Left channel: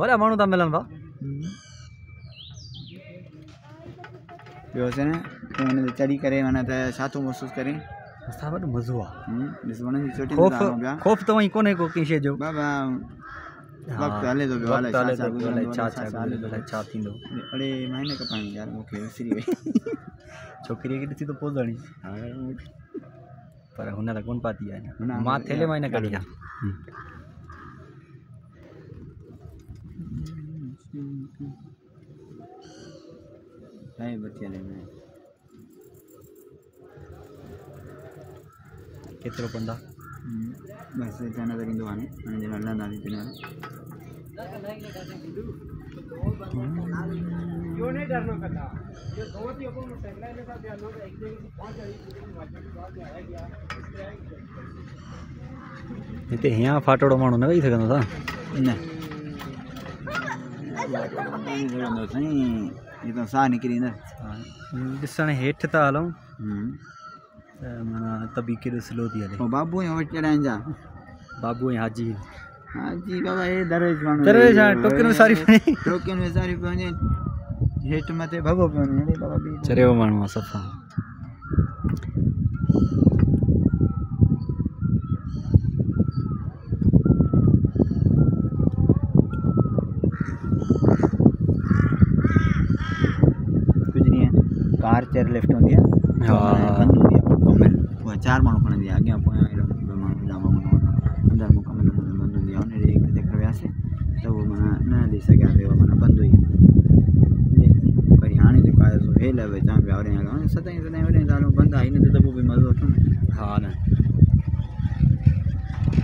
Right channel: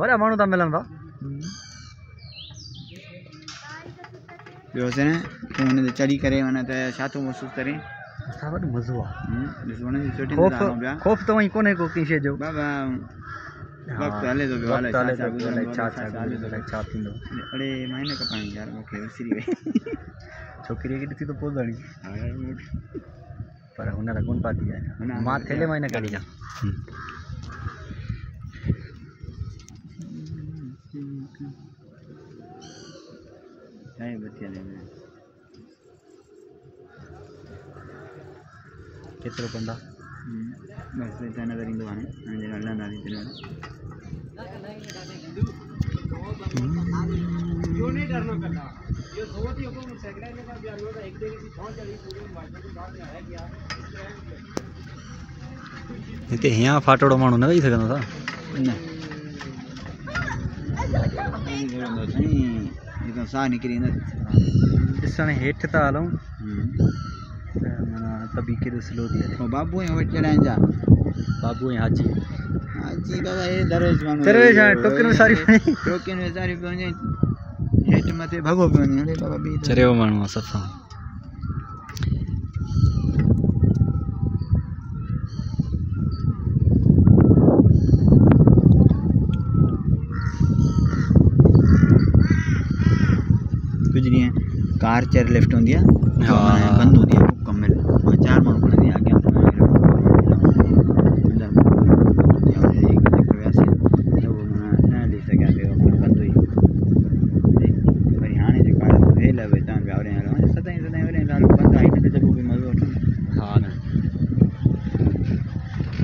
वॾा माण्हू था मिलनि भाउ। ॿियो से न तूं हुन ते चढ़ी करे माना त छा थो महसूसु करे? असां वटि मज़ो आहे। ॾिस वणनि जी चोटी ख़ौफ़ त वहीं कोन्हे को कंहिं शइ जो। बाबा वक़्तु हले थो पियो, वक़्तु हले थो पियो, अलाए छा छा थींदो। अड़े मां न कपाई यार, मूंखे विसरी वई। छोकिरीअ खे ॾिसी त पोज़णी पर हुन त कोन पाती आहे। मां थेले मां ई न कढी आहे। केतिरो पंदा बसि त नज़र ईंदो हाणे हलंदासीं। हिते हीअं फाटोड़ो माण्हू न वेही सघंदो था न, साह निकिरी न ॾिसण हेठि था हलूं त माना तबी केॾो स्लो थी हले। बाबू वटि चढ़ाइनि जा बाबू ऐं हाजी बाबा हे दरवेश माण्हू टोकन विसारी पियो वञे हेठि मथे भॻो पियो वञे। बाबा बि चरियो माण्हू आहे सफ़ा। कुछ नहीं है, कार चेयर लिफ्ट होती है, हाँ बंद होती है, 4 माण्हू